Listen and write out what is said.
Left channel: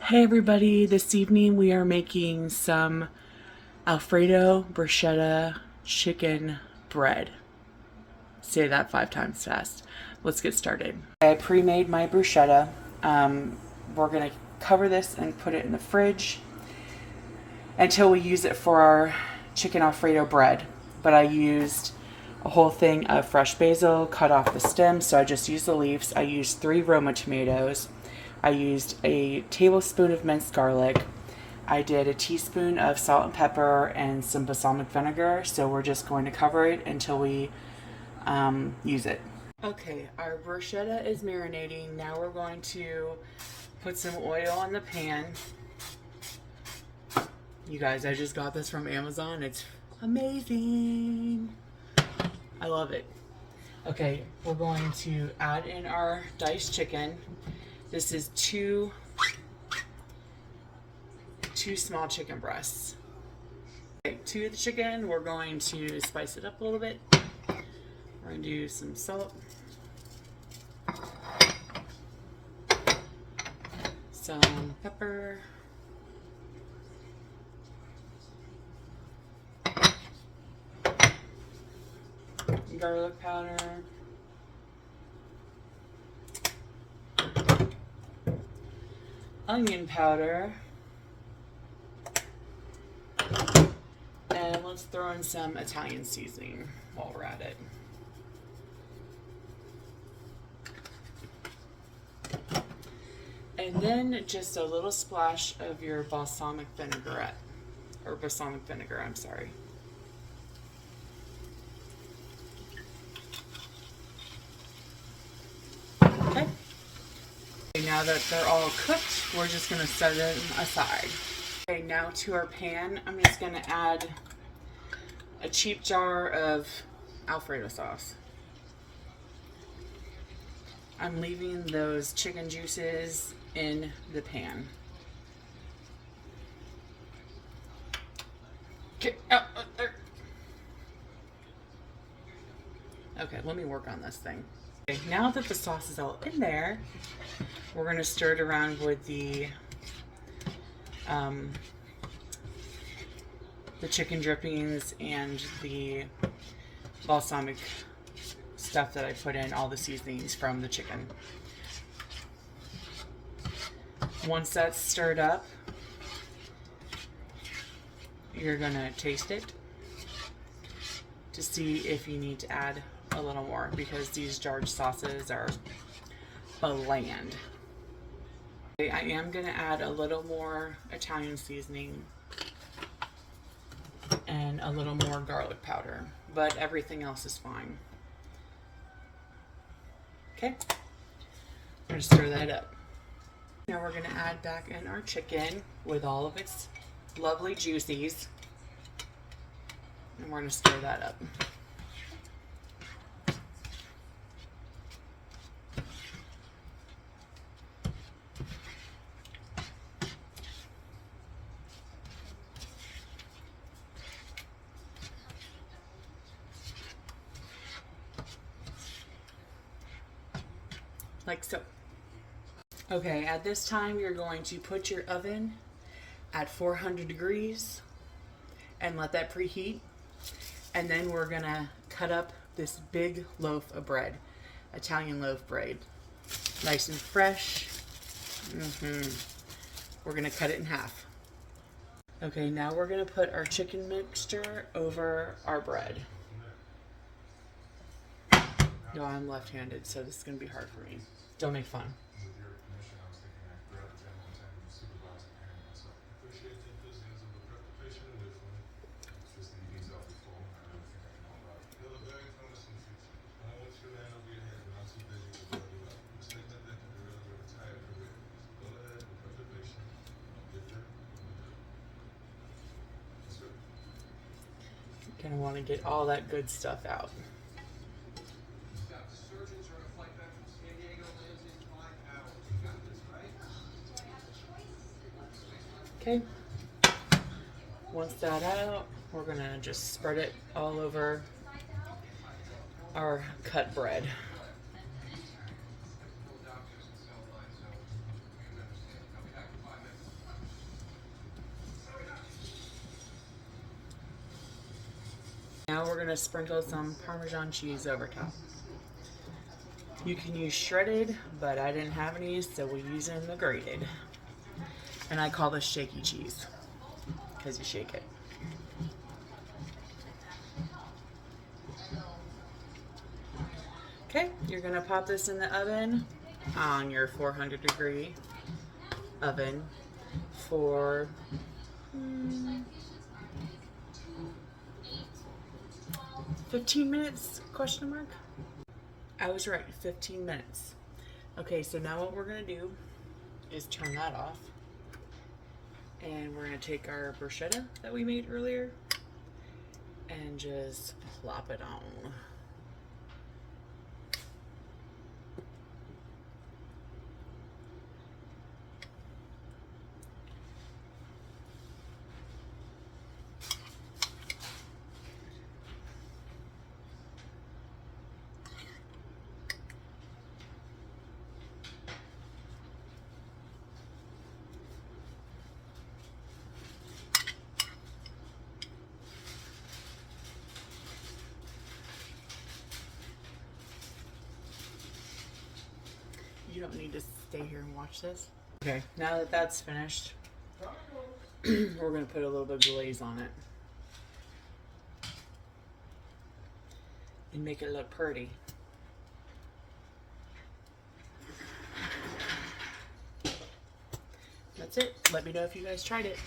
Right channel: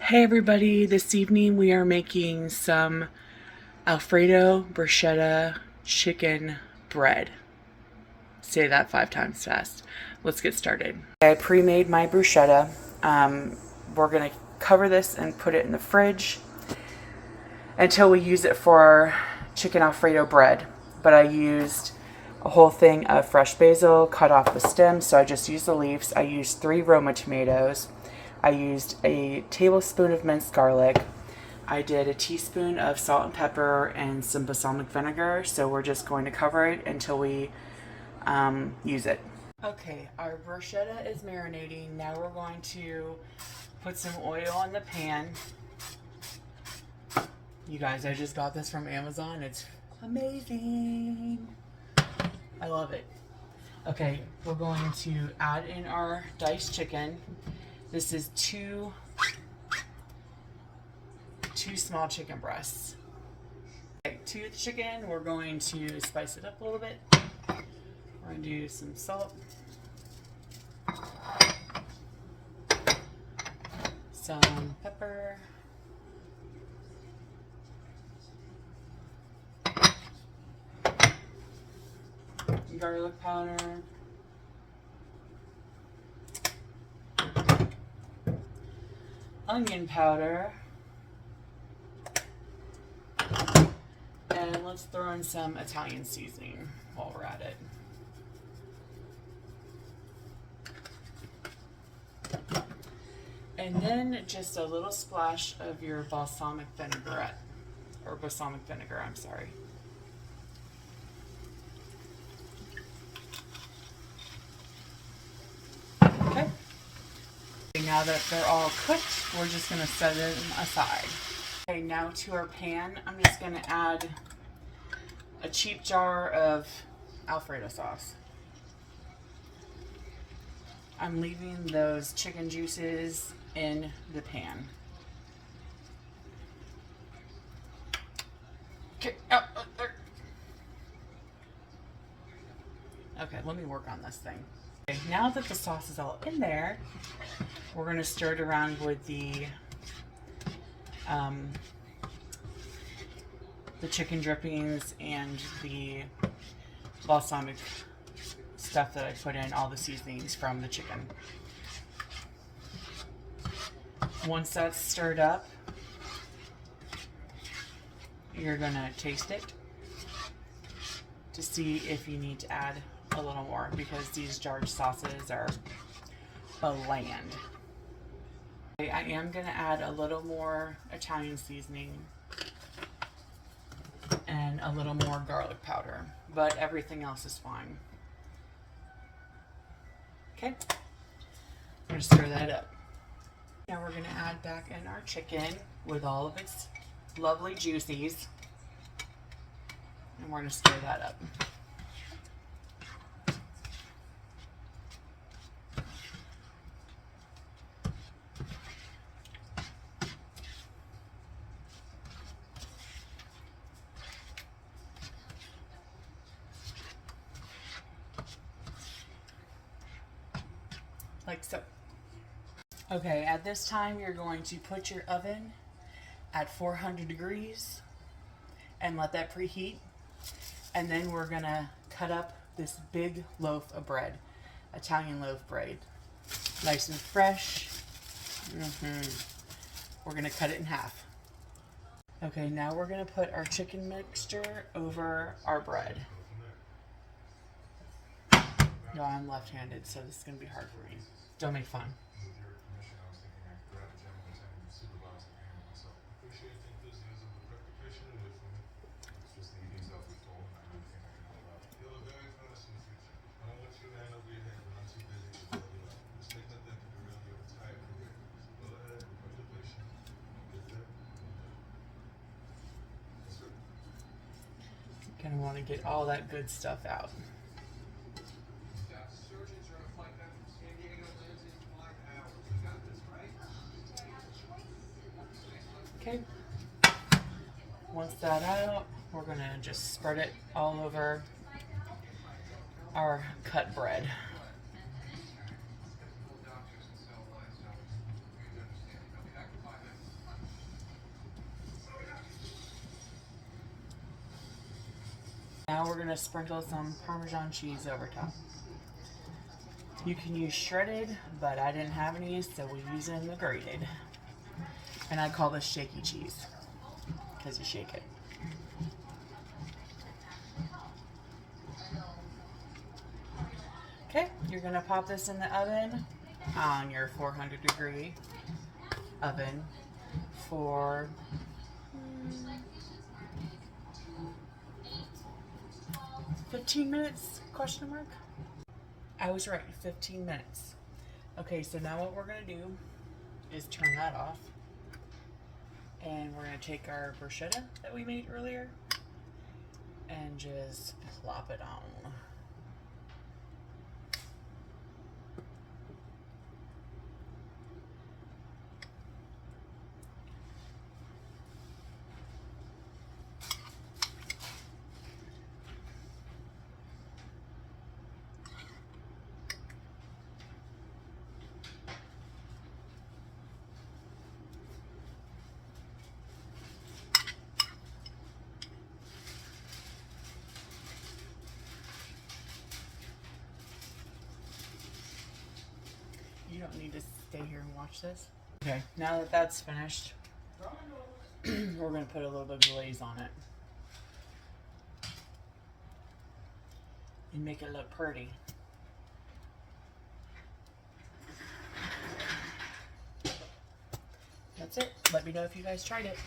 Hey everybody, this evening we are making some Alfredo bruschetta chicken bread. Say that 5 times fast. Let's get started. I pre-made my bruschetta. We're gonna cover this and put it in the fridge until we use it for our chicken Alfredo bread. But I used a whole thing of fresh basil, cut off the stems, so I just used the leaves. I used 3 Roma tomatoes. I used a tablespoon of minced garlic. I did a teaspoon of salt and pepper and some balsamic vinegar. So we're just going to cover it until we use it. Okay, our bruschetta is marinating. Now we're going to put some oil in the pan. You guys, I just got this from Amazon. It's amazing. I love it. Okay, we're going to add in our diced chicken. This is two small chicken breasts. Okay, to the chicken, we're going to spice it up a little bit. We're going to do some salt, some pepper, garlic powder, onion powder, and let's throw in some Italian seasoning while we're at it. And then just a little splash of your balsamic vinaigrette, or balsamic vinegar, I'm sorry. Okay. Now that they're all cooked, we're just going to set it aside. Okay, now to our pan, I'm just going to add a cheap jar of Alfredo sauce. I'm leaving those chicken juices in the pan. Okay, okay, let me work on this thing. Okay, now that the sauce is all in there, we're going to stir it around with the chicken drippings and the balsamic stuff that I put in, all the seasonings from the chicken. Once that's stirred up, you're going to taste it to see if you need to add a little more, because these jarred sauces are bland. I am going to add a little more Italian seasoning and a little more garlic powder, but everything else is fine. Okay, I'm going to stir that up. Now we're going to add back in our chicken with all of its lovely juices, and we're going to stir that up. Like so. Okay, at this time you're going to put your oven at 400 degrees and let that preheat. And then we're gonna cut up this big loaf of bread, Italian loaf bread, nice and fresh. We're gonna cut it in half. Okay, now we're gonna put our chicken mixture over our bread. No, I'm left-handed, so this is gonna be hard for me. Don't make fun. Kind of want to get all that good stuff out. Okay, once that's out, we're gonna just spread it all over our cut bread. now we're gonna sprinkle some Parmesan cheese over top. You can use shredded, but I didn't have any, so we're using the grated. And I call this shaky cheese because you shake it. Okay, you're gonna pop this in the oven on your 400-degree oven for 15 minutes, question mark? I was right, 15 minutes. Okay, so now what we're gonna do is turn that off. And we're gonna take our bruschetta that we made earlier and just plop it on. You don't need to stay here and watch this. Okay, now that that's finished, we're gonna put a little bit of glaze on it and make it look pretty. That's it. Let me know if you guys tried it.